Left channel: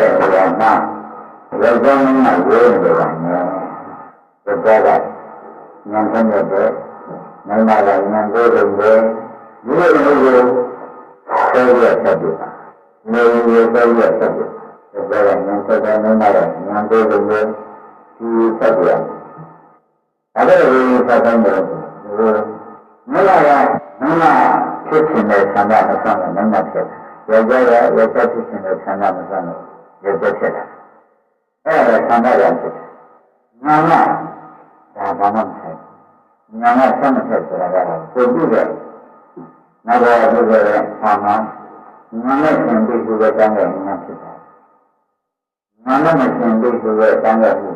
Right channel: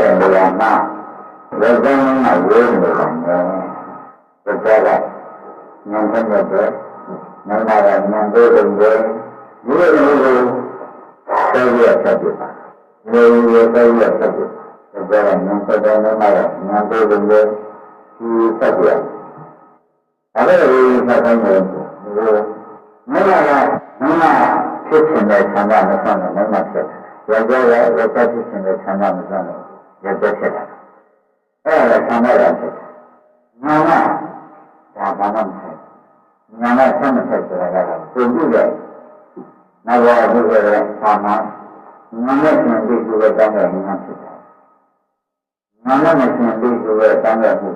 တဲ့နေရာမှာယောက်ျားမင်းကဝေးနေတာနဲ့ယောက်ျားကဉာဏ်ထက်မြက်တယ်မိန်းမကဉာဏ်သေးတယ်ဒီလိုမျိုးကိုဆက်ပြီးဆက်ပြပါနေရဆက်ပြီးဆက်ပြယောက်ျားကဉာဏ်ဆက်တယ်မိန်းမကဉာဏ်သေးတယ်ဒီဆက်ပြအဲ့ဒါကိုဆက်တိုင်းတယ်မိန်းမကမိန်းမဖြစ်ချင်တဲ့ဆန္ဒမဆန်းတဲ့မိန်းမဖြစ်တယ်ယောက်ျားကယောက်ျားဖြစ်ချင်တဲ့ဆန္ဒမဆန်း တဲ့ယောက်ျားဖြစ်တယ်အဲ့ဒါဆန္ဒရဖြစ်တယ်ညာကဒါဘာမှမဆိုင်ညာကဆက်မဆက်ဆိုတာကပုံပြတဲ့နောက်တော့ဒီလိုလေသာမန်ညာနဲ့ဆင်ပြီးဆိုတဲ့တန်းတဲ့ညာဖြစ်တယ်ညာနဲ့မဆင်ပြီးဆိုတဲ့တန်းတဲ့မှု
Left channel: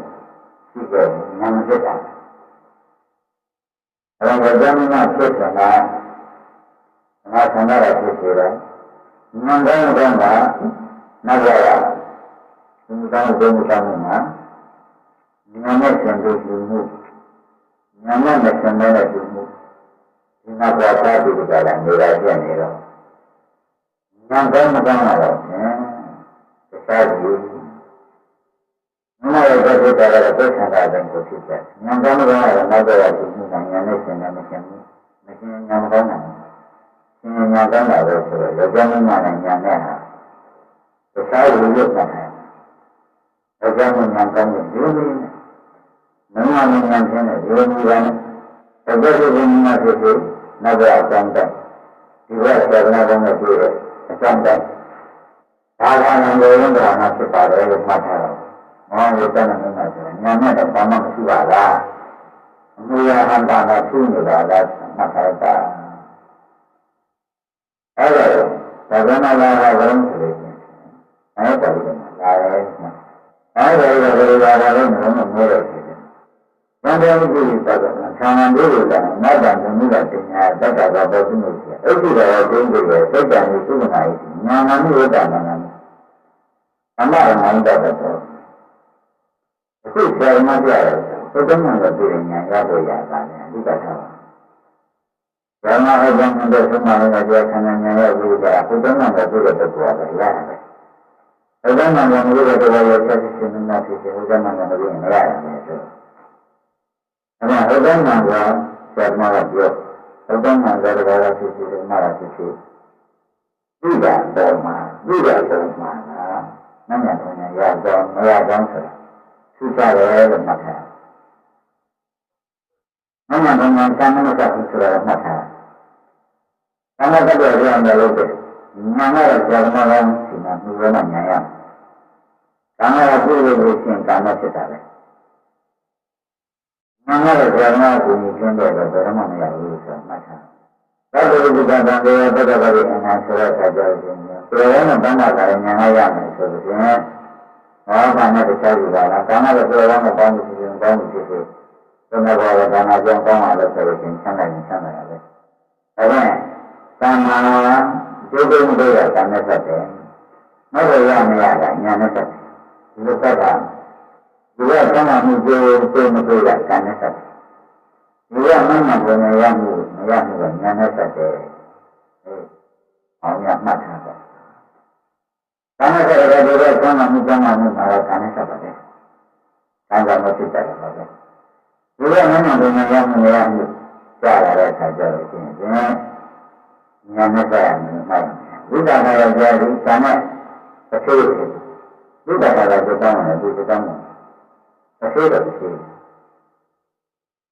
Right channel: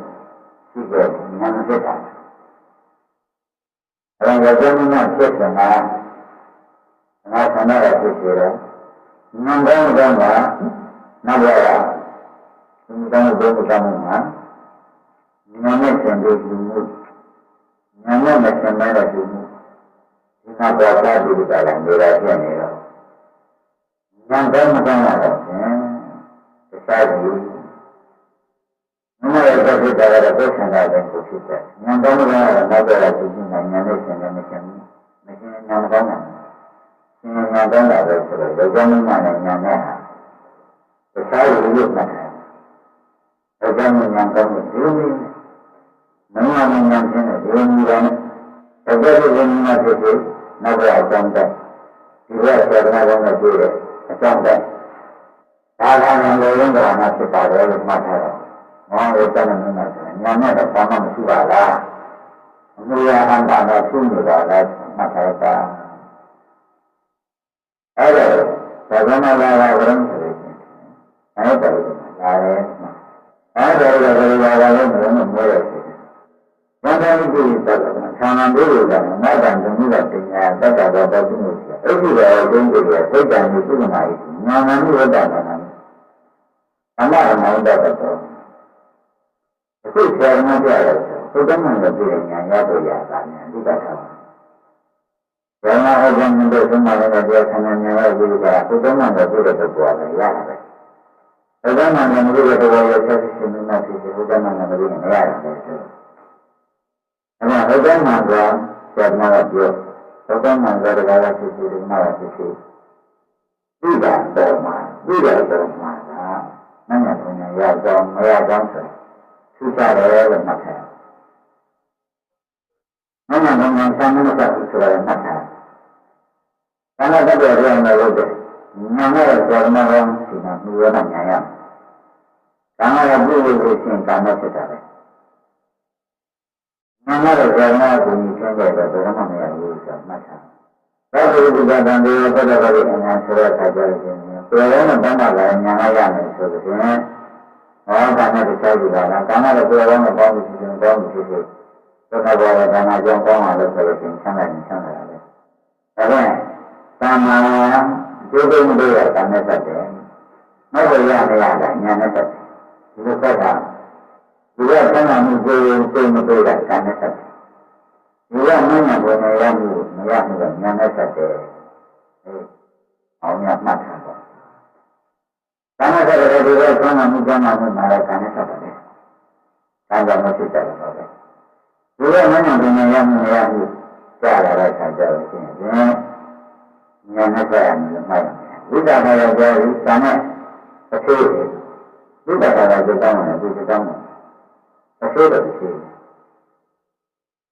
ရှိတဲ့ညာမဖြစ်တာအဲ့ဒါကြောင့်မဖြစ်တယ်မှာငါဆန္ဒရဖြစ်စေတယ်ဉာဏ်ကောင်းကောင်းကနောက်ရ ဒီကောင်းတဲ့ဘုံကောင်းမှာဉာဏ်နဲ့ဆင်လို့ဒီမှုဉာဏ်နဲ့မဆင်တဲ့ဒီမှုဒီနောက်တော့သာဒီကလည်းနေရာဖြစ်နေတော့ဉာဏ်ကောင်းမကောင်းလာတော့ဖြင့်တခြားဘူးမမရဲ့သက်သက်တာကတော့ကိုယ်ဆန္ဒတဲ့ကိုဖြစ်တယ်ဉာဏ်ကောင်းမကောင်းကတော့နောက်တော့ဒီမှုနဲ့ဉာဏ်နဲ့ဆင်တယ်မဆင်ဘူးမဆင်ဉာဏ်မကောင်းနိုင်ဘူးဆင်ညာကောင်းတာပဲဆိုတော့ယောက်ျားမင်းမနဲ့ညာနဲ့ဟာတခြားလူလို့မှတ် တယ်ယောက်ျားမင်းညာကောင်းတဲ့ဒီလိုမျိုးမင်းမမညာချင်းတဲ့ဒီလိုမျိုးကနဲ့တကယ်လို့ဘုန်းကြီးဖြစ်ဖြစ်နောက်ဘက်အကြောင်းတက်ဒီဘက်ဆရာကနာကောင်းတဲ့ပြည့်တဲ့အကြောင်းတက်ဒါကလည်းလိုရင်းဒါမှဖြစ်ပါတယ်လို့မှတ်ထားတော့မောင်ရဲ့တဏ္ဍမင်းမဆိုရင်ညာနဲ့တော့ဘာမှမရှိပါလားအမှုရအန္တရာဖြစ်နေတာလားမှတ်ထားတာအဲ့ဒါဘာဝနာလာတာဘယ်လိုလဲအဲ့ဒါလည်းလာတယ် အဲ့ဒါလည်းဘယ်လိုလာတာလဲမလို့မလို့ဖြစ်တယ်။ဘန္တန်ကြည့်တဲ့ကဆာနံတို့ကငတ်တံသမုဒ္ဒပညာတက္ကသတော်ပြုလို့ရှိတယ်။အဲ့ဒီတော့ဒုံးကြည့်ရဲ့စိတ်တံကိုသုမနာ၏ညာနာမိဝတ္တနာနာအမရမောင်းတတ်တော်အခုဆရာမပြရတယ်ဆိုသုတ္တမံကိုပြည့်ညာရဖို့ရတာနဲ့အဓိကထားပါဓမ္မဟောကြားတဲ့သုံးပါးကတရားခန္ဓာဉာဏ်ရဲ့ဝိရိယဘုဒ္ဓနာကိုပြည့်တဲ့တော်တယ်ရတယ်။ ဘုဒ္ဓနာကိုပြည့်တဲ့တော်ရဲ့ဆက်စစ်မင်းဖြစ်ဖြစ်ဘုဒ္ဓနာကိုပြည့်ရင်ရတယ်ဆိုတော့။အဲဒါဘုဒ္ဓနာကဆရာမကပြောဘုဒ္ဓနာကလည်းဘာဖြစ်ဖြစ်လို့မှာဖြစ်ဖြစ်ဒီကပေါ်မှာဒီကပေါ်မှာကမညာပညာရကြောင်းမရကြောင်းဆိုထူးခြားတယ်လို့မှတ်ထားမညာပညာကံမမစဘူးဆိုတာမှတ်ထားကာမတ္တရဲ့ပြောင်းတယ် လို့တဲ့ညာနဲ့ဇာမကောင်းစီမံမှုရမှညာရကာမရပြုလို့လို့ရှင်ကာမဖြစ်တာပဲညာနဲ့ဇာမကိုညီကျင်းတဲ့တော့ဘယ်မှမရဘူးဆိုမှတ်ထားသတ္တဝိပ္ပတံတေဝတ္တဗရိအနာဆိုတဲ့အခါကျတော့ရှင်ပြေရောနဲ့တဏ္ဍာလာညာရရမယ်ဆိုလို့ရှင်ဟောကာမတခြားကြည့်ပါလားကာမရဲ့ပြေရောနဲ့ပေါင်းလို့ရှိရင်ပေါင်းလို့ဖြစ်ဖြစ်သနဘောရကာမကြောင့်ကောင်းလာလို့ဆိုလို့ရှင်ဆန်းနိုင်ဆန်းနိုင်ရပဲဒါဖြင့်သမ္မာ ကျုပ်တို့မတွေ့တာကံနဲ့ဆက်တယ်။မဟုတ်ရမရတာညာနဲ့ဆက်တယ်။ဒီလိုဆက်တာဒီကသံဃာမှုကျိုးသိမတွေ့တာကံနဲ့ဆက်တယ်။ဒီကမင်းနဲ့ဘယ်နဲ့ရမှုမရမှုကညာနဲ့ဆက်တယ်။အဲအောင်ရမှတ်ထားပါ။ကံနဲ့ဆက်တယ်ဒီကသံဃာမှုကျမ်းမာမှုမှာလည်းကံနဲ့ဆက်ပါတယ်။ကံကြောင့်မဖြစ်ကြတယ်ပါပဲ။ဒီကမင်းနဲ့ဘယ်နဲ့ရမှုမရမှုကြားရတဲ့အခါကျတော့ရှင်ဖြ င့်ညာနဲ့ကြရမယ်လို့မှတ်ရမယ်ဝိသကာယောကြားပြီးဇာနဲ့အသေးဝိသကာယောကြောင်းတယ်ဒီကြောင်းတယ်အသေးတော့အသေး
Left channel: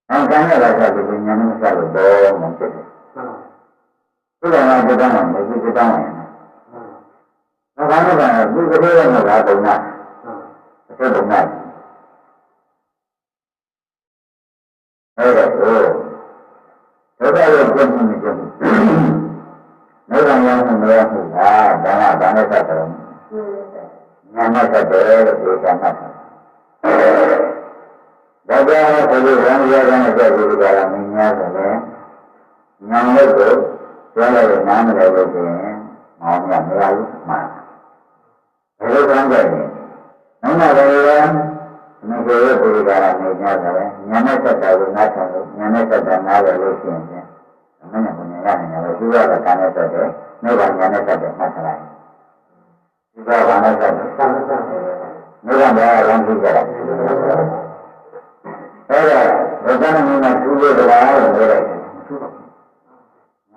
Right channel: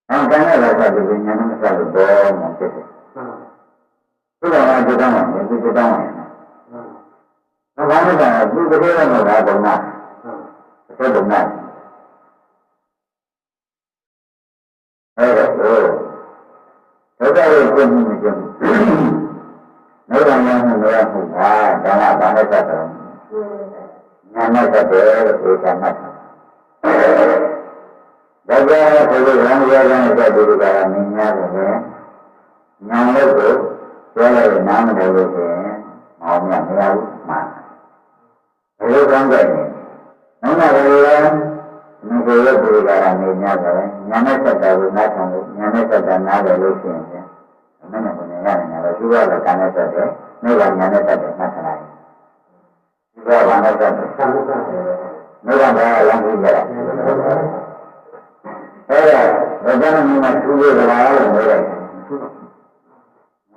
အဲကံနဲ့လာစားပြီးညာနဲ့မစားလို့ဘောမှဖြစ်တယ်ဝိသကာယောကြောင်းတယ်ဒီကြောင်းတယ်ဒါကလည်းကဒီကလေးတော့မလားဘုံနာအသေးဘုံနာအဲ့တော့ဒုက္ခရဲ့ပြည့်မှုမကျမှု နိဗ္ဗာန်ရောက်မှုမရမှုကဒါကဘာနဲ့သက်တယ်ညာနဲ့သက်တယ်လို့ပြောချင်မှတ်တာဒါကြောင့်ဆိုလို့ရံရရနဲ့သက်ပြီးကြတာမင်းများတယ်လေညာလို့ကိုပြောလိုက်ရင်နားမလည်လို့ဆိုရင်မောင်မြတ်မရဘူးမှန်ဘယ်လိုကောင်းကြလဲနောက်မှလည်းမဆိုရဘူးကြတာမင်းများတယ်ညာနဲ့သက်တာကိုနားထောင်လို့ညာနဲ့သက်တာနားလည်လို့ရှိရင် မနဲ့ဘယ်နဲ့ရတယ်လဲသူကလည်းကံနဲ့သက်တယ်နိဗ္ဗာန်ညာနဲ့သက်တယ်မှတ်ထားလိုက်ဒီဒီကဘာနဲ့ဆက်တယ်သံဃာနိဗ္ဗာန်တရားလမ်းကြည့်ကြတာအဲ့ဒါဘုရားမြတ်မှာသူ့ရဲ့တရားလို့နေတယ်သူ့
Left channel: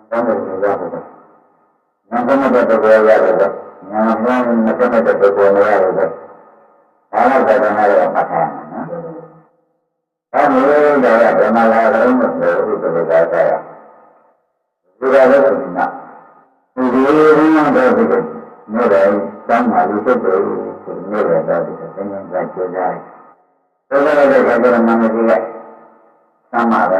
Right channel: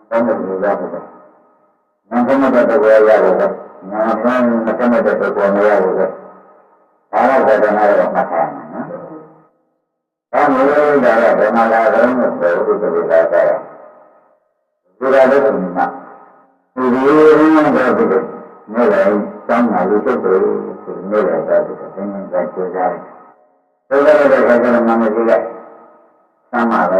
ဘာနဲ့ပြောရဖို့ဉာဏ်သမတဲ့တရားရဖို့ဉာဏ်ဉာဏ်မသမတဲ့တရားမရဖို့ဘာလို့ဒါကနာရမှာထားမှာနော်။ဘာလို့ဒါကဘယ်မှာလာကြလို့ဆိုတော့ဒီလိုသာကြရ။ ဒီကလည်းကိုနာ။ဒီလိုရင်းတော့ဒီနေ့လည်းတောင်းပါလို့စိတ်ကြလို့ဆိုနေ့လည်းတော့ဒီသင်္ကြန်ကကြိုးစားတယ်။ဒါကြတဲ့ခါကျတော့မမကြီးကသမ်းပါပဲ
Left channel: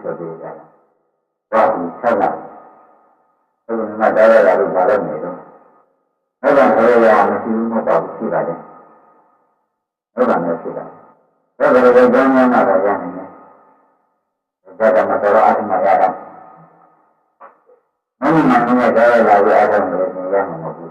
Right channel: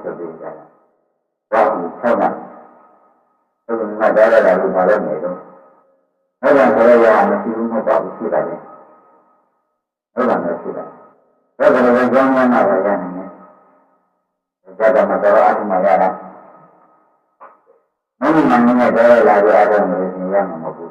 ဆိုပြီးကြတယ်။ဘာလို့ဆက်လာ။ဘုရားကကြားရတာလို့ဘာလို့နေတော့။အဲ့ဒါဆိုရရမရှိဘူးမဟုတ်ပါဘူးရှိပါတယ်။ဟုတ်ပါနဲ့ရှိတယ်။ဒါကြတဲ့ကြောင်းများမှာပါရနေတယ်။ဒါကမှတော့အထမရတာ။ မင်းမင်းနဲ့ကြားရလာပြီးအားထုတ်နေလို့ရှင်ရမှာမဟုတ်ဘူး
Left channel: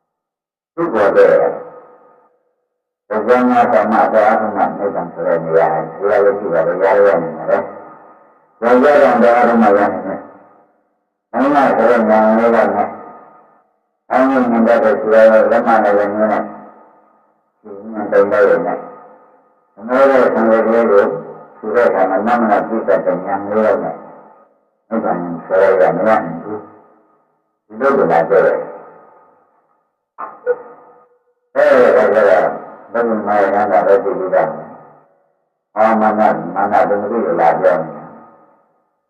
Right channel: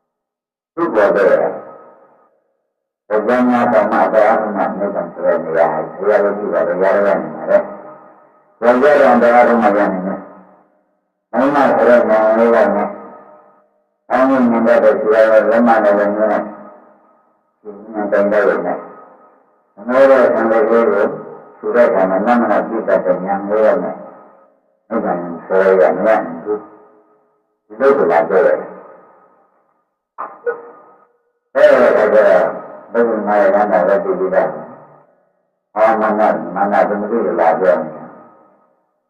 ။သူ့ပေါ်တဲ့ဘုရားများကမှတော့အထမနေတယ်ဆိုတဲ့နေရာဆရာလည်းရှိပါတယ်ရရနေတယ်။ဘုရားတော်တော်အထမရနေတယ်။မင်းမဆိုတဲ့ညာလေးကနဲ့အင်းမြင်တဲ့ဆရာရဲ့လက်မနဲ့လည်းနည်းနဲ့ဒီဉာဏ်တိုင်းတိုင်းနဲ့အမေရဲ့ဆံလေးကိုသူတဲ့ကမှနမနာပြည့်တဲ့ဉာဏ်လေးနဲ့ အဲ့ဒါနဲ့ဆရာကမရဘူးဒီလိုကလာကြတယ်အဲ့ဒါကဘယ်လိုမှရမ်းတာပဲဒီလိုတာအာမနမနသမတိလာပြောနေ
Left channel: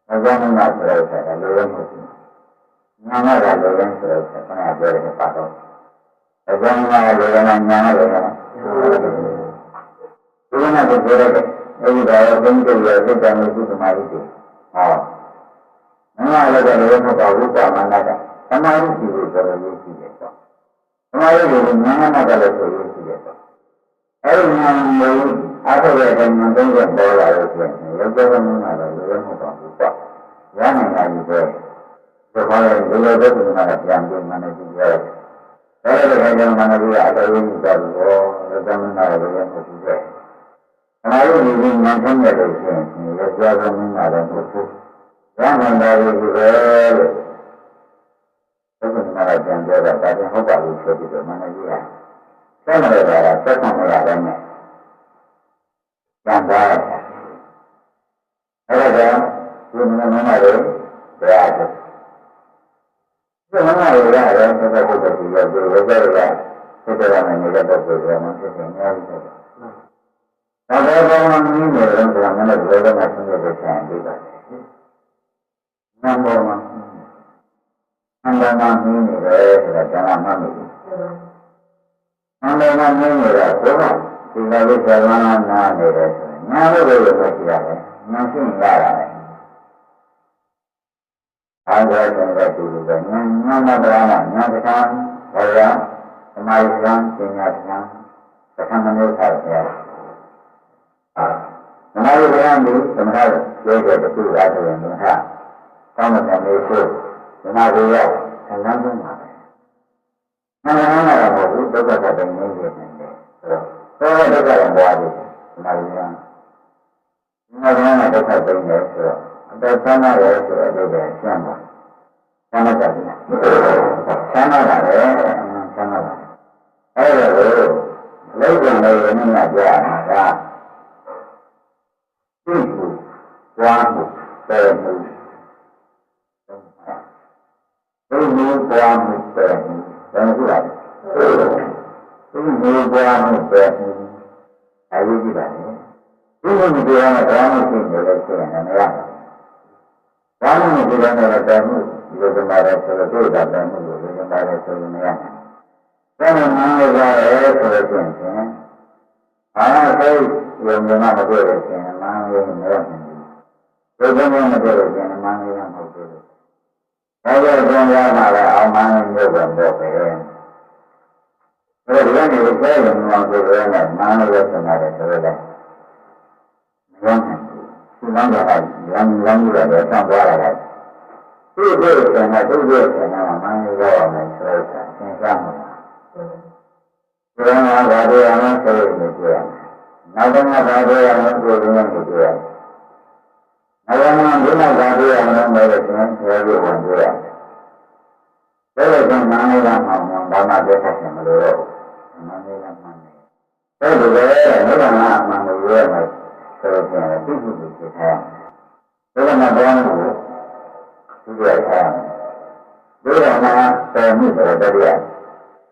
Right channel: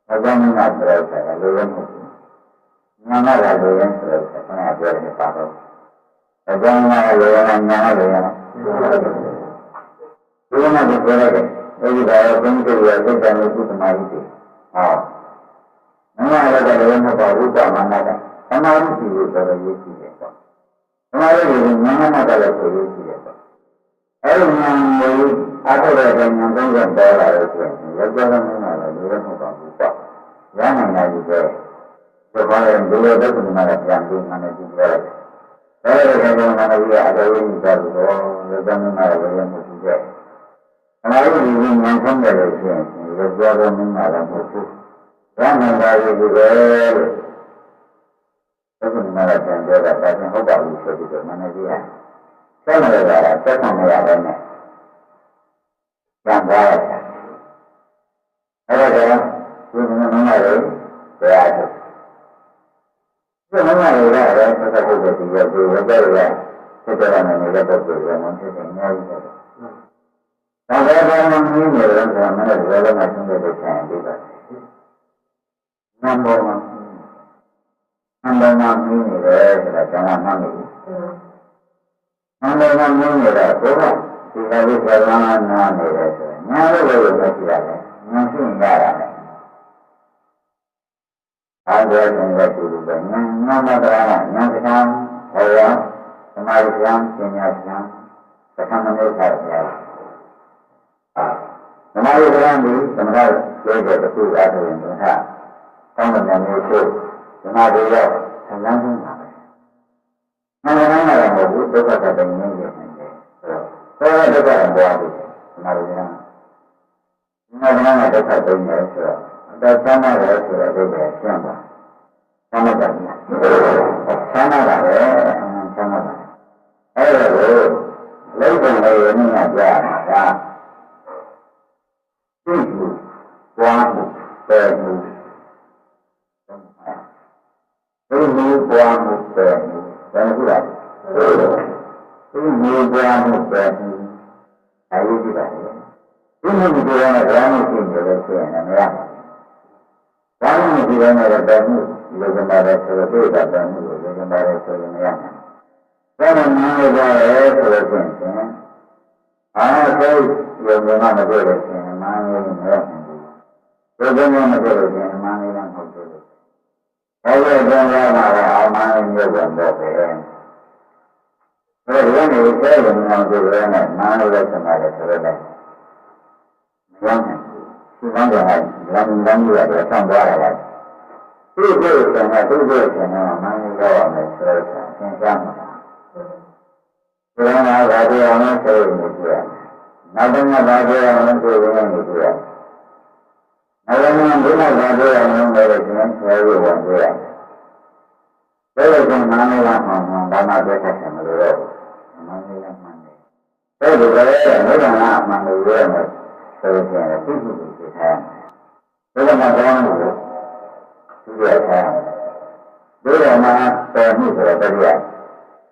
တာဘုရားမနာဆိုတဲ့ဆရာလိုရမဟုတ်ဘူးညာမကလိုရဆိုတဲ့ဆရာကပြောတယ်ပါတော့ဘုရားမနာလိုရမှာညာလိုရမှာဒီကနေ့ပြောရတယ်အဲဒီကတော့ဘုန်းကြီးတို့ရဲ့စိတ်တမ်းကိုသမာဓိတွေဟော မမလည်းလည်းလည်းမပေါ့ဘူးကမနကသမာဓိရှိလို့ဆိုတော့ရေးရှိတယ်ပေါ့သမာဓိကိုဉာဏ်နဲ့ကလည်းဆိုရေးရှိတယ်ပေါ့အဲဒီဉာဏ်ကိုအားထုတ်တဲ့ဉာဏ်သုံးချက်ပေါ်လာလို့ဆိုရင်လည်းကြောက်မင်းလာတော့လည်းမပေါ့ဘူးပေါ့ရနိုင်တာကြီးပဲဒီခေါ်ရင်ဒီလိုဒုက္ခမှာပြန်ပြီးမှလည်းကြည့်ရတယ်ဒါလည်းခါကျမှလည်းဒီအတော်ကြီးသွားလို့လည်းကြောက်မင်းလာတော့လည်းမကြည့်ရအနာရုပ်ဒီဉာဏ်ဆုံးရလို့ရှိရင်လည်းကြောက်မင်းလာတော့မဟုတ်ဘူး ရနိုင်တာကြီးပဲလို့ဒုက္ခမှာပြန်ပြောတာဒါပြန်ဟုတ်ပါဘူးဆိုပြီးတော့မနကြီးကဆက်မရတာဆက်ဆံမရတဲ့နဲ့ပြန်သွားတာအဲ့ဒါကြောင့်ဒီမနမမတွေတရားထုတ်ဒီမမတွေရတယ်ဆက်ဆက်ထုတ်တဲ့ဒီရောက်ပြီးဝတ်ကြရဆက်ကြရမယ်နေတဲ့ပုဂ္ဂိုလ်ကမှဖြစ်နေအများကြီးတယ်ဒါပဲကောင်းမှမင်းနေတယ်ဆိုတာမနေ့ကလည်းမှဆင်းရဲတဲ့ဆံပြီးပါတ ယ်နံပါတ်မှာနံပါတ်မှာမင်းနေတယ်ဆိုတာကျွန်တော်မှတ်မိဘူးနံပါတ်မှာမင်းနေတာဘုရားဒီလာဝိသလနာနာနေတယ်ဆိုရင်ညာလို့လည်းမရှိရတယ်ညာရှိရင်ရတာလေအားရတဲ့တဲ့တူတူပဲညာညာမတရာညာကံဘောရသမာဓိကံပညာကံသက္ကမနုထာတရားသမာဓိကံဒီသမထကျေကျေတခုအားထုတ်ရင်ဒီဟာ ကောင်းတဲ့မျိုးကိုဓမ္မကိုရောက်ဆလန်းဆုံးပါပဲ။နာမနာတော့မဟုတ်ဘူးဒုက္ခသတ္တငြိမ်းနေတယ်ဆိုတော့သောဒုက္ခတော့ပွားတယ်ဓမ္မကိုရောက်။နာမနာဒုက္ခသိနေဆိုတော့အတသမ်းနာရဲဆိုတဲ့အဓိပ္ပာယ်ရှင်းပါ။သမ်းနာကြပြီလား။သမ်းနာပါပဲအမှန်သမ်းနာပါ။အဲ့ဒါကိုလုံးဝလည်းရင်းနှီးမှကြားရမှာကသိမှုပွားမှုပယ်မှု သိမှုပွားမှုပယ်မှုဘယ်လိုလဲသိမှုပွားမှုပယ်မှုအရေးကြီးပါလေသိမှုဒီလိုနဲ့ဘာမှရှိနေလို့ရှိရင်လည်းမရဘူးဘာမှမရှိတဲ့နဲ့ပယ်မှုလိုချင်ပါတယ်ဆိုတော့တွေ့တာပယ်မှုလိုချင်ပါတယ်ဆိုရင်မရဘူးဘာမှမလုပ်ရရဲဆိုလို့ရှိရင်အားစိတ်ယုံကြည်မှမတွေ့လို့ရှိရင်မန်းလေးမရဘူးဒီကုန်းကမတွေ့လို့ရှိရင်မန်းလေးကမဟုတ်ဘူး။ ဒါကြောင့်ကျန်ရမှာလည်းအောင်မန်းလေးမျိုးပဲပေါ့ပဲ။ဒါကြောင့်ဒီနေ့ဆဲရုံအောင်ကြည့်ရတဲ့မန်းလေးပဲဆက်လာတယ်ဆိုတော့မရနိုင်ဘူး။ဒီလမ်းကလည်းလမ်းလမ်းကြီးရတယ်ဆောင်းသွားရတယ်။သူ့ကိုယ်ကလည်းသူ့ကိုယ်ကလည်းမန်းလေးတော့မယ်ဆိုတော့သင်ရှားမှာ။ဒီလိုမျိုးဘာတွေအောင်ဆိုရင်ကြည့်ရမယ်။နောက်တော့ဘာတွေအောင်ဆိုရင်ကြည့်ရမယ်။ အဝမ်းဘုရားဘာတွေအောင်လို့လည်းကျွန်တော်ဆရာကြီးဝင်တွေ့ရတယ်ဒါလို့ကျန်မန္တလေးကမှဘာမှပြတ်ထက်မလို့တော့မန္တလေးကမှန်တယ်ဒါလိုပဲဘုရားကမှန်လို့ရမယ်ဆိုလို့ရှိရင်သိရှိပြီးဖြစ်ထားတယ်ဘုရားမဘောင်းကိုသူရထားရမယ်ဘုရားမှာတော်မှုဆိုတဲ့တရား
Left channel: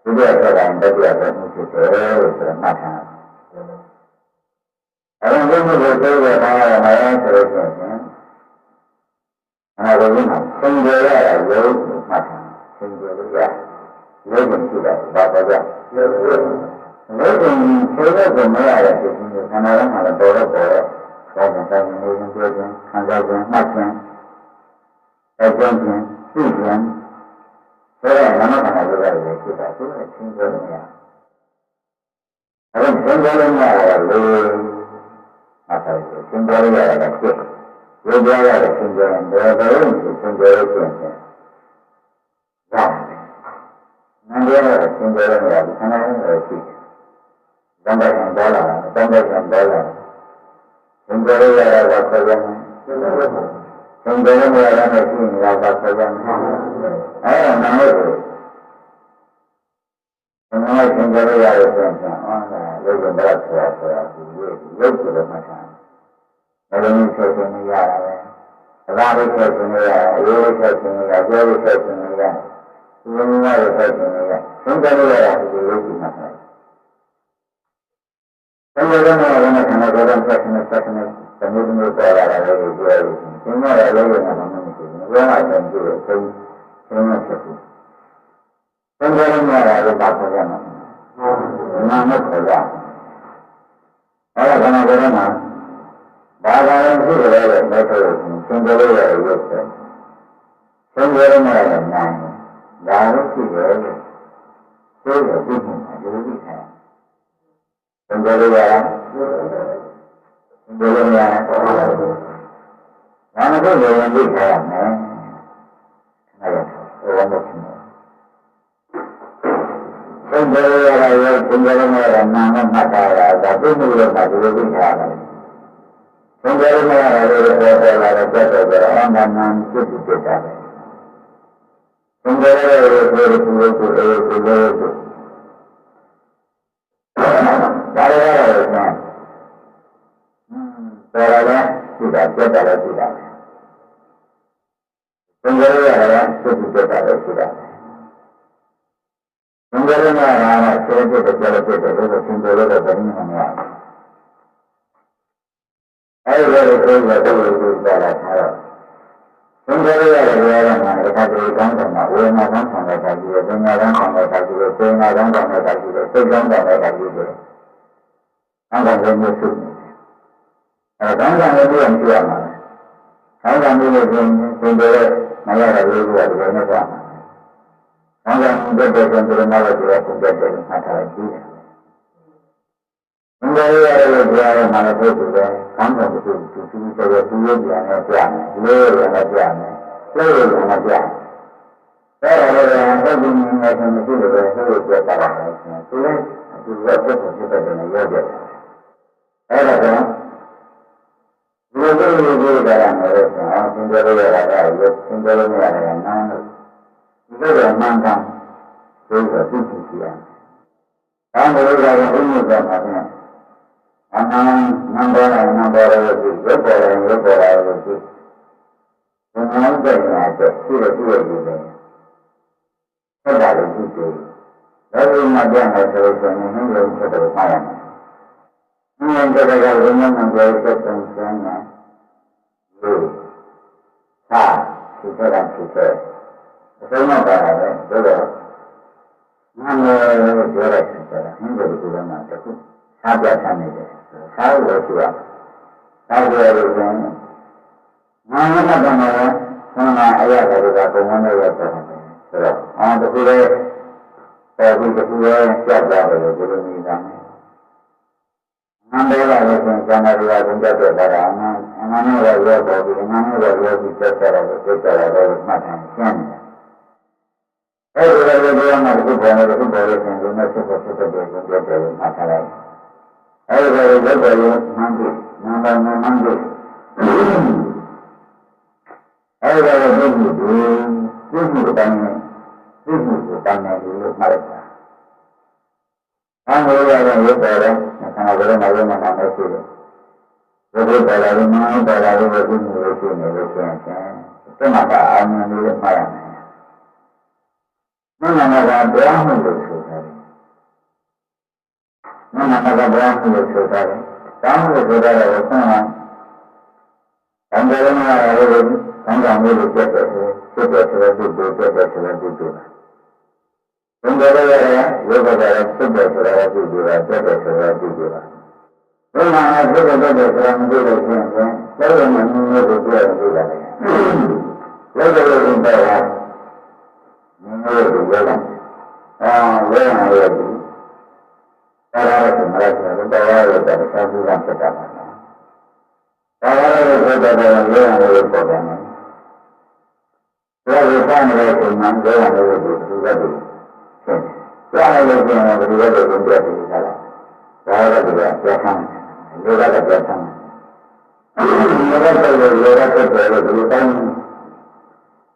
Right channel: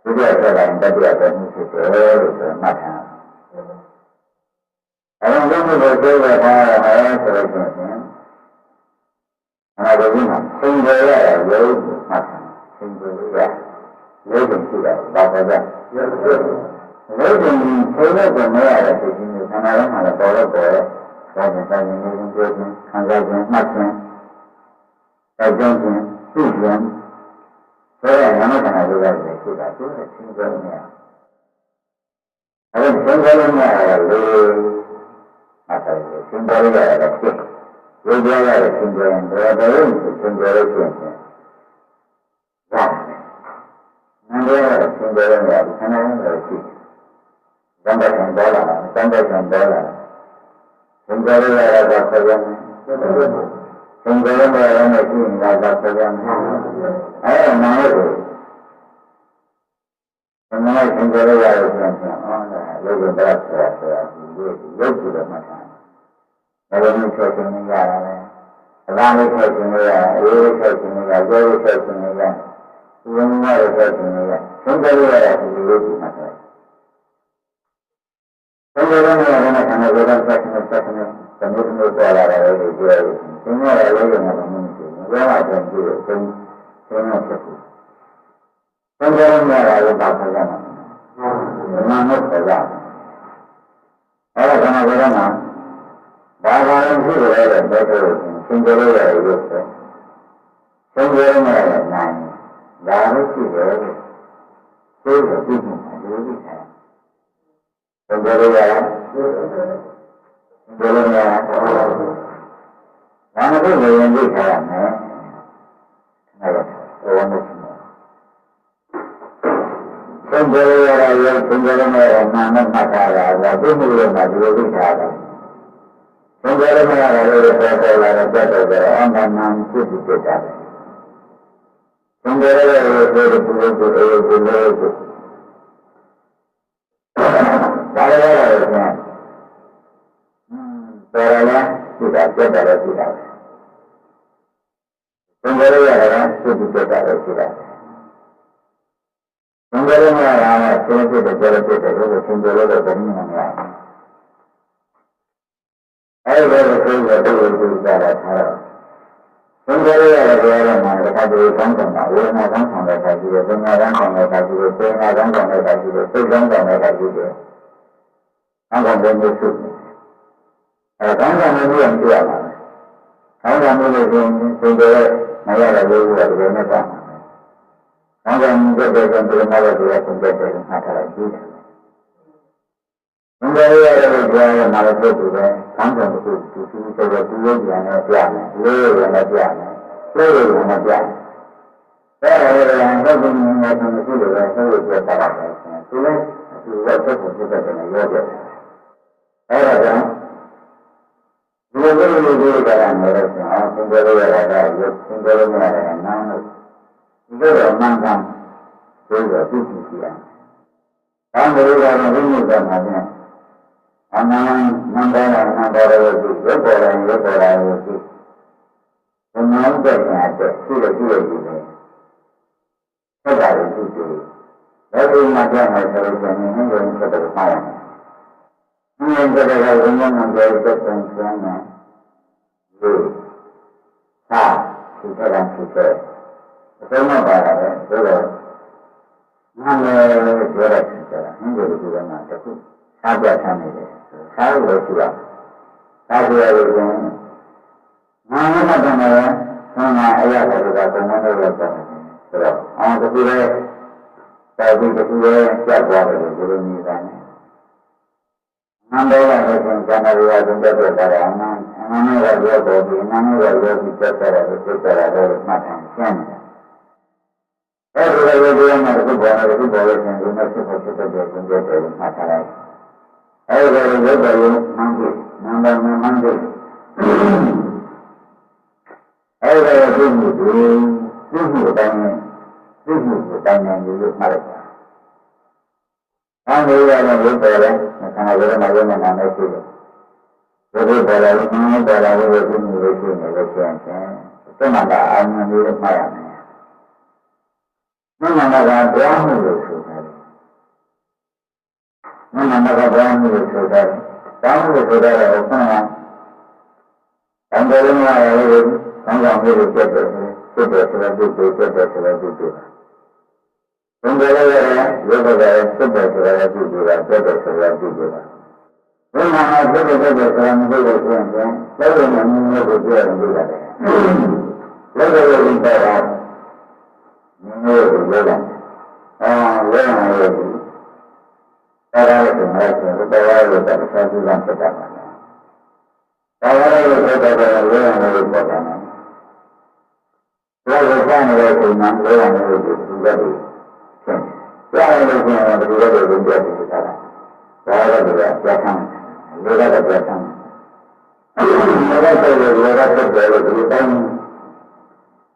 ဒုတိယဆက်တိုင်းတတိယတော်မှုဖြစ်တယ်လို့ဆိုမှတ်ထားအရင်ကဘုရားကိုပြောထားရမယ်ဆိုလို့ရှိရင် အနာဂတ်မှာသင်္ကြန်ရတာရုပ်မှတ်ထားသင်္ကြန်ရရုပ်ကိုရှိတာဘာပဲကြရုပ်ကိုလို့ဒီဆေးရုပ်ကိုမရတဲ့ဖြစ်ခြင်းကိုခန္ဓာကမှလည်းပေါ်တော့ပေါ်ရဲ့ဘာကြောင့်ဆိုင်နေနေပြောခြင်းခံစားခြင်းမှတ်ခြင်းအကြောင်းခြင်းသိခြင်းဆိုတော့နာမခန္ဓာတွေလည်းရှိတာသူကသင်္ကြန်ရအဲ့ဒါသင်္ကြန်ရလို့အတားရသင်္ကြန်ရတာဖြစ် ရုပ်ပြရတဲ့သင်္ကြန်ဘယ်ဘယ်လိုသင်္ကြန်ရခြင်းဖြင့်ရတယ်။နန္ဒရတဲ့သင်္ကြန်ရတာခန္ဓာနဲ့ရှိတယ်။သံဃာဆံပေါ်လာသံဃာဆံပေါ်လာသင်္ကြန်ရရတာဆက်ရမယ်။သင်္ကြန်ရရတာနဲ့ရှိနေတာကဆက်ရမယ်။အဲ့ဒါနာလို့ဘယ်လိုသင်္ကြန်ရရတဲ့ဆိုရင်အော်ဒါလောကဗလာဆိုတာဆိုတာဒီရုပ်ကိုတော့မှတ်ထား ဘယ်လိုမျိုးဆက်ရှင်နေရတာလဲအသာလေးဆက်ရှင်နေရအရေးလေးဆက်ရှင်နေရကျိုးလေးဆက်ရှင်နေရဒီလိုမျိုးလေးဆက်ရှင်နေရသုံးကြလို့ရတာဒီလိုလေးဒီမှာဆက်သုံးကြလို့ရတဲ့ခန္ဓာကိုယ်ကဆက်ရှင်နေဆက်ရှင်နေသမှုသမှုပေါ်လာတယ်လို့ပြောရတယ်သင်ရတဲ့အလုပ်ရမှာမမရှိဘူးဘယ်မှာကျန်ကြည့်ရသုံးသုံးရဖြစ်ဘူးသုံးကြလို့ရတာလည်းပါပေါ်ရမှာမမဟုတ်ပါဘူးအဲ့ဒါခန္ဓာကိုယ်က ဘာသာရင်ရှိကြတယ်လို့ပြောလို့သင်္ကြန်လို့ရတယ်ရုပ်ပဲသင်္ကြန်လို့ရတယ်နိုင်ဒါလည်းရှိတယ်လို့ဆိုတော့ဒီမှာအလိုကြီးတယ်သင်္ကြန်လို့ရလားသင်္ကြန်လို့ရလားဒါနဲ့ကိုယ်ရင်သိထားရမယ်အဲ့ဒါဘဝနဲ့ချင်းသင်္ကြန်လို့ရတာရုပ်သင်္ကြန်လို့ရတာနာမ်နဲ့မှတ်ထားတာဒါသိမှုလို့မှဒီလိုသိထားတယ် သင်္ကြန်မရတာလည်းပေါ်ပေါ်လာတော့ပြတ်တော့ကြတော့အမှန်မှန်ဖြစ်ဖြစ်ဖြစ်တာပဲသင်္ကြန်လည်းဆိုတဲ့ပုဂ္ဂိုလ်ကိုအေးကိုလို့ကိုဒါလည်းရတော့ကျန်ဟွန်းပေါ်လာလဲသိတာပြတ်တာလည်းသိတာပဲသင်္ကြန်ရတာလည်းဖြစ်ဖြစ်ဖြစ်တာလည်းသိတာပဲသင်္ကြန်ရတာကဆင်းရဲဖြစ်တယ်ကြလည်းဖြစ်တယ်လို့သင်္ကြန်လို့တော့ဘယ်နည်းမှမရဘူး အဲ့ဒီလိုဆိုတော့ဒီလိုပြောတာထားတော့သင်္ကြန်ရတဲ့ပြောရမှာတခါတည်းကောင်းဆောင်တာဝေဒနာကောင်းဆောင်တဲ့ခါကြီးတယ်၊ပညာကောင်းဆောင်တဲ့ခါကြီးတယ်၊စေနာကောင်းဆောင်တဲ့ခါကြီးတယ်၊စိတ်ကောင်းဆောင်တဲ့ခါကြီးတယ်။ကောင်းဆောင်တဲ့မျိုးစု။အဲကောင်းဆောင်တဲ့မျိုးအောင်ပြရမှာ။ကောင်းဆောင်မျိုးလို့ဆိုရင်သင်္ကြန်ရမရတဲ့မျိုးကဒီလိုနဲ့သွားမှာ။ကောင်းဆောင်တဲ့တဲ့ဆိုရင်ဒီလိုမှလည်းဒီလိုသင်္ကြန်တယ်မှတ်ထားလိုက်ကြည့် တယ်ဘုရားရရလို့ပြောရမှာလည်းဖြစ်သူပဲ။ကောင်းဆောင်တစ်ခုသူသူဆိုတော့သူရုပ်ပြန်နဲ့ပြမယ်။လေးရုပ်ပြန်နဲ့ပြမယ်။လက်ရုပ်ပြန်နဲ့ပြမယ်။ဒါရလည်းဟုတ်ပြီငါကမရှိလို့ပဲဟုတ်လို့ပြတာပါပဲ။သူလည်းသူကတက်ဖို့ဖြစ်တဲ့နဲ့ရောပြတယ်။အဲ့ဒါကဒီလိုလိုလိုလိုကြရမယ်လို့ဆိုအောင်သင်္ကြန်ရတာကရုပ်သင်္ကြန်ရတာကနာမ်လို့ဒီလိုတော့မှန်ကန်ဆိုတော့သိသိရှိအောင်။ဒါမျိုးကတော့ဘုရားကမှလည်း အနန္တနံပါတ်နံပါတ်ရဲ့ဒီရုပ်ပေါ်လာရုပ်ပေါ်လာရဲ့ဒီဘုံနောက်တဲ့ညာတဲ့ရှိရရှိရဒီလေဆက်တာလို့ရှိတယ်ဒါပေမဲ့ကြည့်မယ်ဆိုရင်ဟင်းရုံဆက်တယ်မှားရမယ်ဟင်းရုံဆက်တဲ့ကဘုံနောက်တဲ့ဆက်တဲ့ဆန်းနေဒီသာဒီကရန်ဖြစ်တယ်အဆုံးမပါတာပဲဆိုတော့နာမည်ပြောရတဲ့ဆရာဟင်းရုံဒီကမှာတခု စားပြဆန်းနေတယ်စားလို့ရှိရစားကြရလို့ဆိုရင်ငါမတတ်တယ်ဆန္ဒအရာတွေကပုံမှန်တွေပဲဆိုတော့အောင်တခုလေးပေါ်ပြီးတခုလေးပြတ်သွားတယ်လို့ဒီလိုနေတာနဲ့နန္ဒေလာလို့ဆိုရင်ဇာနာရီကသင်ပြတဲ့ပါရအနန္အနန္တရောရောပေါ်ပြီးအနန္တရောရောပြီးတက်ကြတာလို့တက်ကြတာလို့မှတ်ထားရှင်းတယ်အဲဒီလိုလိုမျိုးမှတစ်ခုပေါ်နေတစ်ခုပေါ်လို့ရှင်ဒီမဲ့ဖြစ်ဖို့ဖြစ်တဲ့သင်ပြတယ်လို့မှတ်ထားလိုက် အဲဒီလိုရုပ်ပေါ်ရုံမှန်းပြီးနံပါတ်မှန်းပြီးအဲဒီလိုပြုမှုတွေပြုမှုအတိုင်းနဲ့သိမှတ်လိုက်တာ။အမှုရတဲ့ရုပ်ပေါ်တဲ့ခန္ဓာကိုယ်မှာရုပ်နဲ့နာမရှိတယ်။ရုပ်ပေါ်လာရင်နာပေါ်လာလို့ဒီလိုရှိနေလို့ရှိရင်တမန်ကအာရုံလေးမှတ်ရမယ်။မနမကတရားမှုလို့ဆိုတာ လေ။မနမကတရားမှုလို့ဆိုတာလေ။တရားမှုလို့ဆိုတာတော့ခုနကတန်တယ်လည်းမရဘူးလေ။ကောင်းကောင်းလေးကိုပြတ်တယ်ဆိုပြတ်တယ်ဆိုတော့ဒီလိုပြတ်တယ်ဆိုတော့ဒီလိုပါ။တန်တယ်လည်းရတယ်ရုပ်ကလည်းပြတ်တယ်ဆိုတော့ဒီလိုပါပြတ်တယ်ဆိုတော့ဒီလိုပါ။ဘုရားနဲ့ပြတ်တယ်ပြတ်တယ်ဆိုတော့မသိလို့ရှိရင်လည်းလုံးဝမမြင်လို့ပြောရင်ဒီလိုလေ။လက်တော်ကိုတော့နင်းလို့ဒီလိုလားအာ လို့ရှိရင်ဒီကတည်းကပြတ်ပြီးသားလားဒါရတဲ့ကပြတ်ဆန်းလူကပြတ်ဆန်းလူကပြတ်လို့လူကပြတ်တယ်လို့ဒီတိုင်း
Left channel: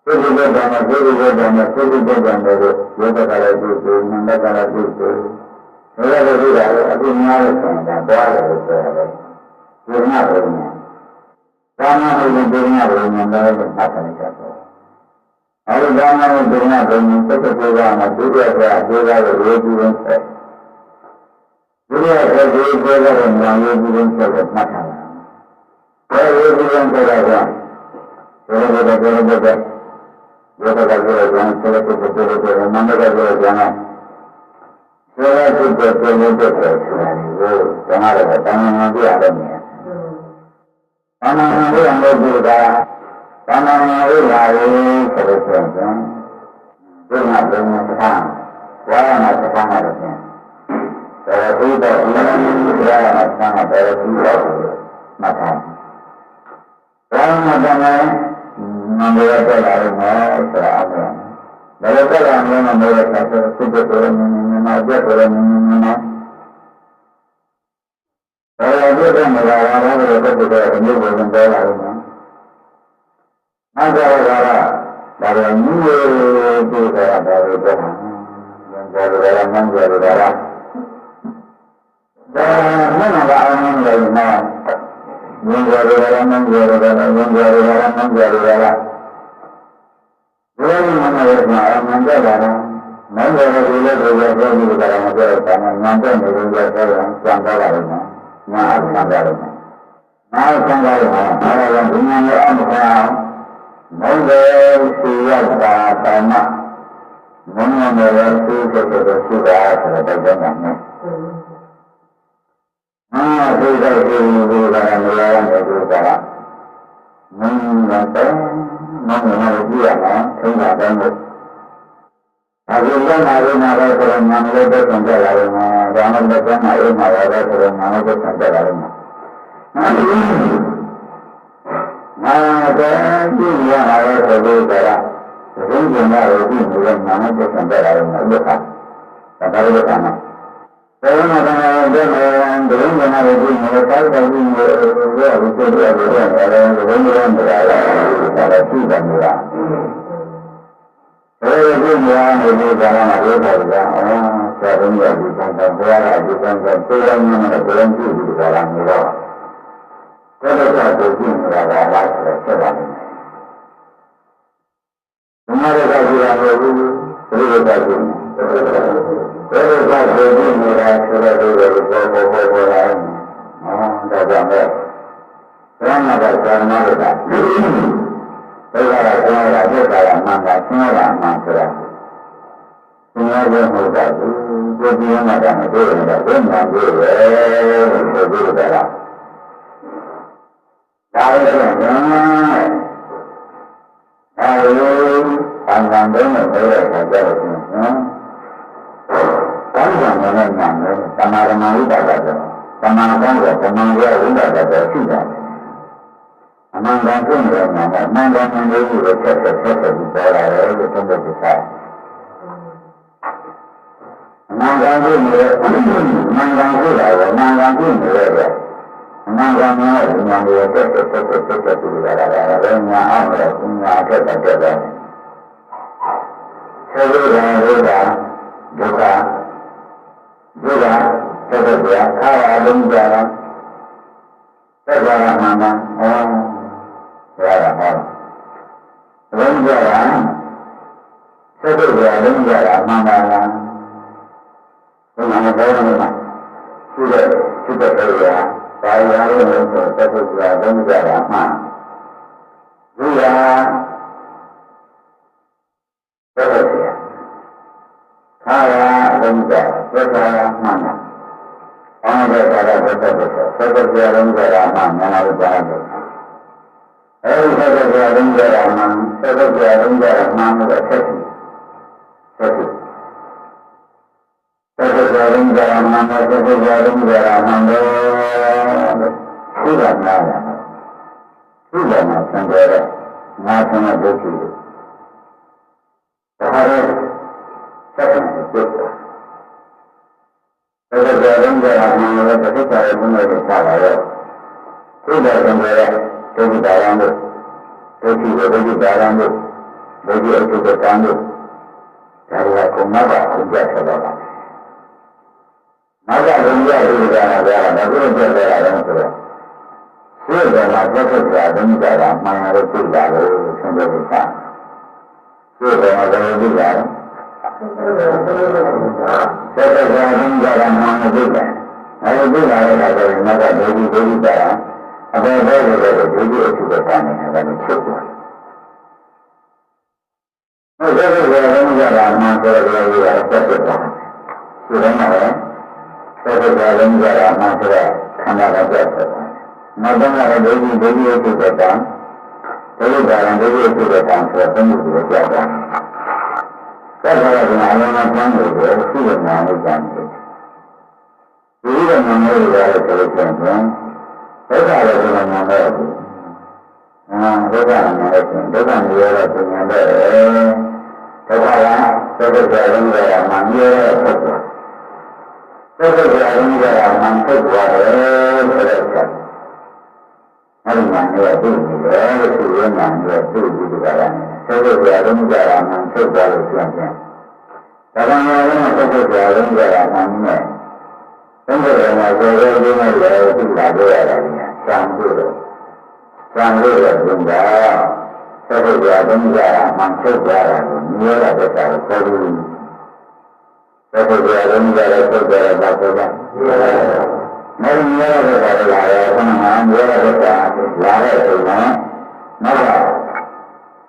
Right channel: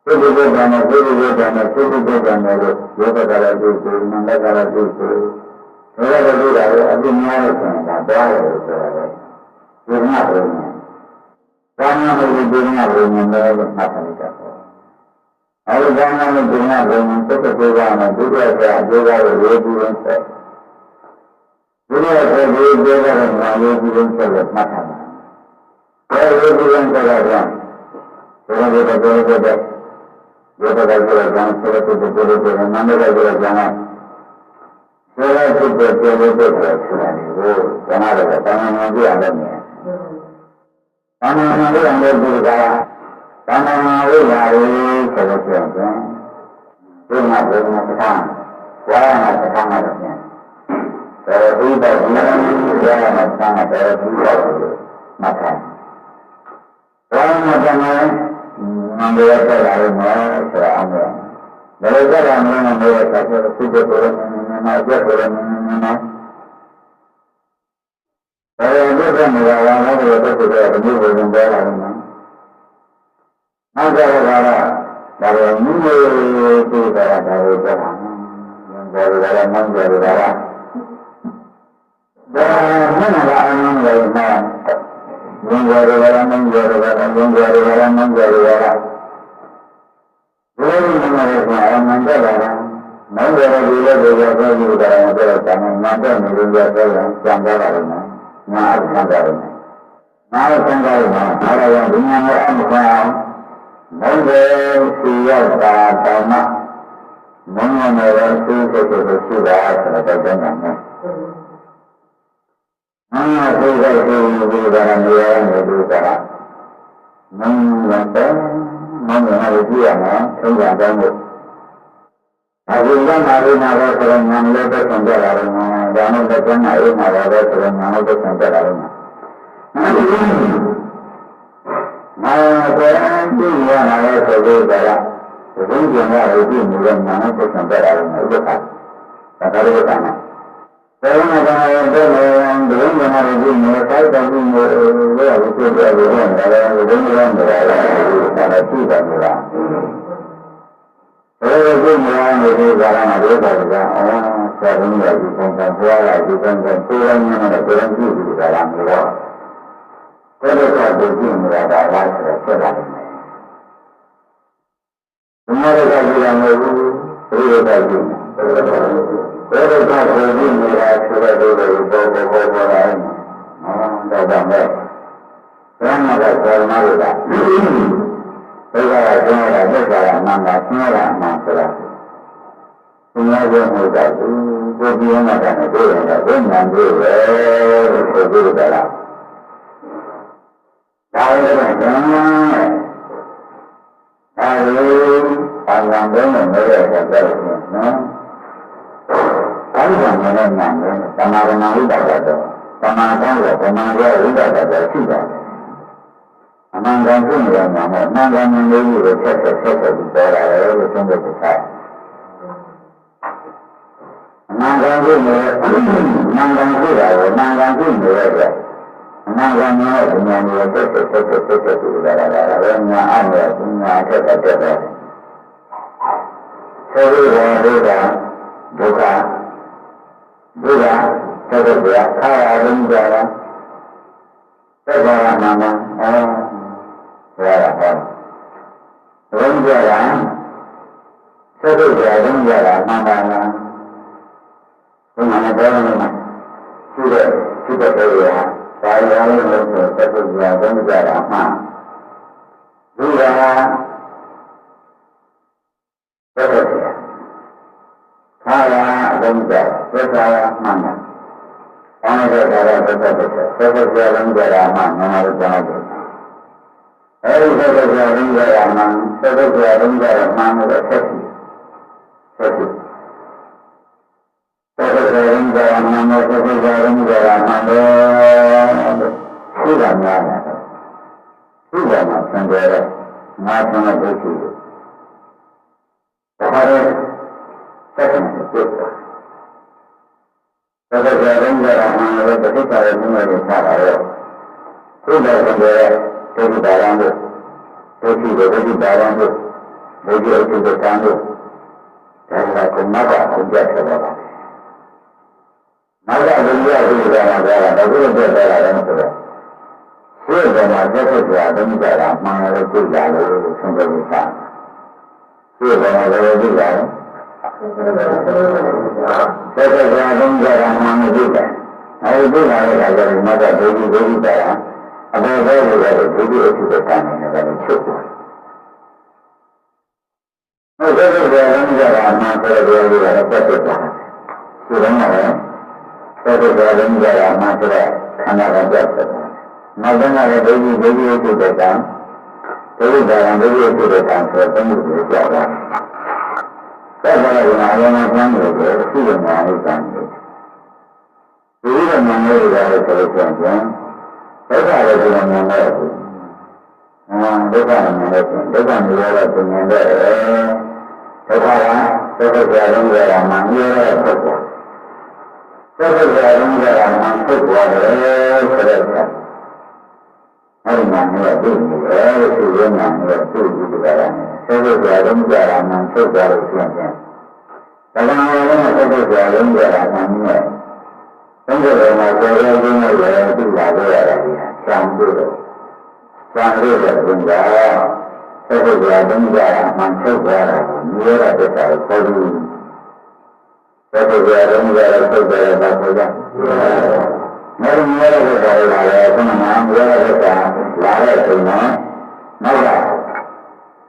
သုတ္တိကတံနဲ့သုတ္တိကတံနဲ့သုတ္တိကတံနဲ့လို့ယောဂကလည်းပြုစုမန္တကလည်းပြုစုဒါကလည်းပြုတာအပြင်းများလို့ဆိုရင်ဒါသွားတယ်လို့ဆိုရတယ်ဒီမှာဘုရားဘာမှမဟုတ်ဘူးဒီမှာဘုရားလည်းမှတ်ထားလိုက်တာပေါ့ အဲဒီဘာမှမဟုတ်ဒီမှာဘုရားသက်သက်ကိုကမှဒုတိယဆရာအကျိုးကတော့ရေးပြီးရင်းဆက်ဒုတိယဆရာဒီအကျိုးကတော့ငါရေးပြီးရင်းဆက်လို့မှတ်ထားတာအဲရေးပြီးရင်းဆက်တာကဘယ်လိုလဲဘယ်လိုလဲယောဂကကြရကြတယ်ဆလတ်တဲ့တဲ့တဲ့နန္ဒကကြရကြတယ်ဆလတ်တဲ့တဲ့တဲ့တဲ့တဲ့ဆိုတာကိုကျန်ရတယ်တဏှာပြရတယ်မြင်တဏှာပြရတယ်ဒီက တဏှာဝိပါယဆိုလို့ဆိုရင်ဒီမှာဘုံမှာပဋ္ဌာန်းဝါရမပဋ္ဌာန်းရတယ်ဖြင့်တော်ဘုဒ္ဓဒီဝါရမပဋ္ဌာန်းတော်ဘုဒ္ဓမှတ်ထားဝါရမပဋ္ဌာန်းမမေရတက်လာလို့နော်ဆိုတာအောင်ရဘယ်လိုတက်လာမလဲမမေရဆက်ဆိုစစ်တဲ့ပေါ်နေနေနေမှာရက်ပေါ်နေနေနေမှာဘယ်လိုပြတ်နေကြပါလဲလို့တက်တဲ့ကမျိုးပုံပေါ်လာလို့ နော်နောက်ကြတော့ကတော့ဒါကမြူးတူတာဒါကိုပြောတာဉာဏ်ပေါ်ကြတယ်မှန်းကြတယ်ဒါကဒါမှန်တာအမှန်လည်းမှာငင်းကြတယ်လည်းမင်းကြတယ်လည်းငင်းကြတယ်လည်းမင်းကြတယ်လည်းဘယ်လိုမှမရမှာအမှန်တက်လာတယ်မင်းကြတယ်ဒီလိုကိုပြောပြီးကြတယ်မပြောတော့တယ်ညာတက်နေလို့ပြောတော့ကြံသွားပါလိမ့်မယ်ညာအဆန်းကြတယ်ငါအဆန်းကြတယ်မှာအဲဒါကြောင့်ဒီညာနဲ့အမှန်ကော င်မင်းကြစီရောက်တာတောင်မှမင်းနဲ့စီးစိတ်ကိုရှိတာဆိုတော့တောက်တယ်နဲ့မင်းကသိတဲ့ဒီလိုကနေရာနေဒီကရာမင်းလည်းမင်းလည်းကြည့်ရမယ်ထုံးစံတိုင်းကိုအခုကမှအိမ်မှာပဲဆိုတော့ညာလည်းပဲဆောင်ကြလာတယ်မှာဒါမှမဟုတ်ကမှအိမ်မှာပဲဆိုတော့ညာလည်းပဲဆောင်ကြလာတယ် မှာမာပဲကြည့်ရတာလည်းဆိုပြီးကြတာသုံးကျင်ရတယ်ကြည့်နေတဲ့ညာလည်းပဲဆောင်ကြလာတယ်မှာဥပ္ပခါဒါကြလို့ကမှာဘယ်မှာကဘယ်မှာဘယ်မှာရကြည့်နေတိုင်တယ်ကြီးနေလို့ရပြီဆိုရပြီတော့လည်းဘယ်လိုလဲနေတာလဲဒါလည်းသိတယ်နေတာဘယ်လိုကြည့်နေရနေဒီကလာမှာပြောတာကအော်ဆရာတော်ကြီးကဒီကံကံဘုရားကဒီကံကံကိုယ်တိုင်နဲ့ကိုယ်တိုင်ကြည့်ပြီးကြလာနေတော့ ကိုယ်တော်ကကြည့်နေတာကလားဆိုတော့ဆက်တာနေတယ်ဘုရားကကြည့်ရမလို့ဘုရားကကြည့်ဘယ်လိုကဆိုပြီးနေတာဆိုတော့ဒီလိုပေါ်ပေါ်ပေါ်ပေါ်လာတယ်။ဟောဒါကြောင့်ပဲဘုရားကသာမဏေကဘုရားကပြောတာသစ္စာကမှန်တာရှင်းရတာမှန်ဆိုတာ။ဘုရားပြောမှုတာဘူးကိုကြည့်မှတာနဲ့တွေ့ရင်တော့ဘယ်မှန်တွေ့ပဲလို့ဆိုပြီးကြတာ။ဒါလည်းဘယ် မှန်အဲဒီဘာမှမလုပ်နိုင်တဲ့အခါကျတော့နော်ကောင်းတယ်နဲ့နာမယ်သမာဓိဝိပဿနာတော့သမာကောင်းတယ်သမာဓိဝိပဿနာတော့ရှိတယ်အမှန်ကန်ရှိနေတဲ့ညာနဲ့အမှန်ကန်ဉာဏ်လေးကိုဆက်ဆက်ဆက်ဆက်ပြီးပေါ်လာတယ်လို့သုံးတဲ့ပြချာ အမှန်ကန်ရှိနေအမှန်ကန်ရှိတာကိုအမှန်ကန်ရှိနေတဲ့အတွက်အမှန်ကန်ဉာဏ်ရဲ့ဉာဏ်ကိုတက်တက်တက်တက်တက်တက်ပြီးလာတာလည်းညာအောင်လည်းဉာဏ်တက်တက်တက်တယ်ဆိုပြီးတော့ဘုရားဒုက္ခဒုက္ခသက်သက်ပြခါရလုံးကြတာသက်သွားတာမှန်ပါဩဘုရားကဟောလုံးကြတာသက်သက်ပြလုံးကြတာမှန်ပါလား လုံးကြတာမှန်ဘုရားသက်သက်ပြခါရလုံးကြသက်သာမှန်ပါဘာလို့လဲဒါကသက်သက်ပြသက်သက်ပြလုံးကြတာမှန်မြန်မာလိုပြောလိုက် တယ်အဲဒီသက်သက်ပြလုံးကြတာမှန်သက်သက်ပြလုံးကြတာမှန်လို့ဆက်ရှိဆက်ရှိသက်သက်ပြလုံးကြတာမှန်လို့သက်သက်ပြလုံးကြတာမှန်လို့ရှိတာများတယ်ရှိတယ်မှာသင်တယ်ငါသင်တဲ့ဒုက္ခကိုဒါရဲဆက်ရှိတယ်သက်သက်ပြလုံးကြတာမှန်လို့သက်သက်ပြလုံးကြတာမှန်လို့ရှိတယ်သင်တယ်ဒုက္ခတာရံတို့ဒုက္ခဝေဒုက္ခတာရံတို့ဒုက္ခအထုတ္တံတို့ဒါကကုမတ်ကဘုရားထွက်လာတာမကဘုရားဒီကရာကဘာလို့ပြတ်သွားတာလဲဆိုတော့ ရှိတယ်မှာသက်သက်ပြဒုက္ခတာမှန်လို့သိလာလို့ဆုံးဖြတ်လို့သာရှိတယ်မှာဘယ်လိုသိလာလဲသက်သက်ပြဒုက္ခတာမှန်လို့သိတယ်အဲဒီသိလာတဲ့အခါကျရင်မကဒုက္ခဒုက္ခတာအပေပဲလို့ပဲဒုတိယအထုကတန်နေတာလည်းချုပ်သွားတယ်။ဟုတ်ကဲ့ဆိုတော့လည်းကြတာမှဆိုတော့ပြောလို့ရတယ်ပတ်သက်တာ။ဒီတော့လည်းပတ်သက်တာလည်းကြတာမှဆိုတော့ခန္ဓာကပြတ်သွားတယ်။ နောက်တော့လည်းဒုတိယဒုတိယအထုကတန်ဒုတိယကံဒုတိယအထုကတန်ဆိုတော့သုံးခုကိုပြတ်သွားတယ်။ပြတ်သွားတဲ့နာယနာကျမ်းတွေကိုရှိရမှာလို့ကျမ်းတယ်။ဒီလိုမှမဟုတ်ဘူးလေဆိုလို့ဆိုရင်ဒုက္ခလည်းဒီမှာမှန်တော့ဘူး။အာဒုက္ခမှန်လို့ရှိရင်ဒုက္ခမျိုးရတော့သင်ញတဲ့ဒုက္ခကသုခကြလုံးကြတာမှန်ရတဲ့သုခ။သုခကြလုံးကြတာမှန်သုခသွားတယ်ဆိုတဲ့ ချက်။အဲဒီမှန်ရသိနေတယ်လို့သူရမှန်ရသိကြည့်ကြတာနဲ့သုခကြလုံးကြတာမှန်သုခသွားလို့ရှိရင်ဒါကလည်းသုခကြလုံးကြတာမှန်နေတယ်သံဃာတော်မှာစေရင်းနဲ့လည်းသိလာကြရတာကြီး။သံဃာတော်သံဃာတော်ကသက်သက်ပြာသုံးကြတာမှန်ထုတ်ကြတာကိုမြင်ရတဲ့တစ္ဆာကိုခေါ်ပြီးသက်သက်ပြာသုံးကြတာထုတ်ကြတာပါခေါ်ကြ။မင်းမြင်ရတဲ့တစ္ဆာကိုလာတယ်ခဏမှမြင်ရတဲ့တစ္ဆာ လာတဲ့အချိန်မှာနောက်က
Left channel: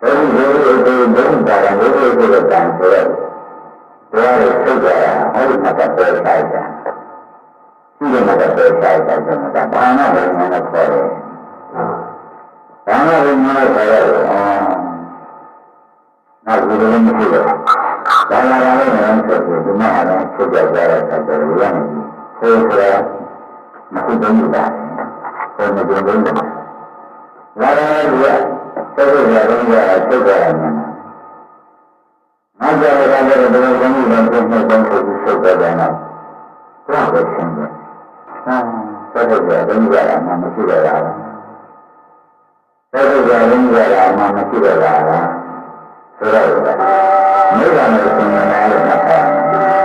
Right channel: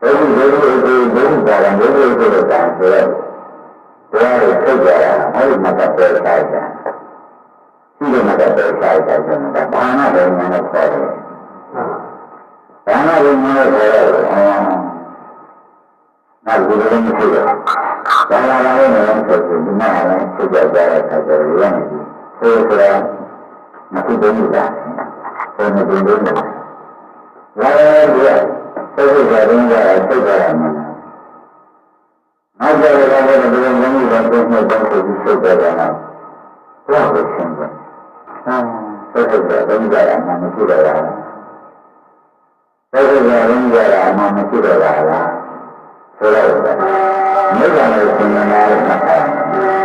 ဘုရားဘုရားကိုဘုရားပါရဘုရားကိုတော့တန်ဆိုတော့ဘုရားကိုထုတ်ကြတာဟောဒီမှာတော့ပေါ်စားကြ။ရှိတယ်မှာတော့ပဲစားကြတယ်မှာဘာမှဘယ်မှာနဲ့ခေါ်တယ်။ဘာမှဘယ်မှာနဲ့ခေါ်တယ်။အော်။နောက်ဒီလိုမရှိတော့။ဘာလာလာလဲဆိုတော့ဒီမှာလည်းဆက်ကြကြတဲ့အခါကျတော့ရမယ်ကြီး။ဆိုဆိုတာမခုတုံးဘူးလား။ဆိုမတုံးဘူးလား။လာ လာလို့ရဆက်ကြကြတော့ဆက်ကြရမယ်။နောက်ကြရတာလည်းဘယ်လိုလုပ်လို့လဲဆိုတော့ဘုန်းကြီးဆုတ်တယ်ကတော့ဘုရားကိုရှင်းတယ်။ဆက်ဆက်ကြလုံးကြတာမှမရှိတော့တာလားဆက်ဆက်ကြလုံးကြတာမှမရှိတော့တာလားဆိုတော့နိဗ္ဗာန်ကိုသင်္ကန်းလို့မှတ်ထားတယ်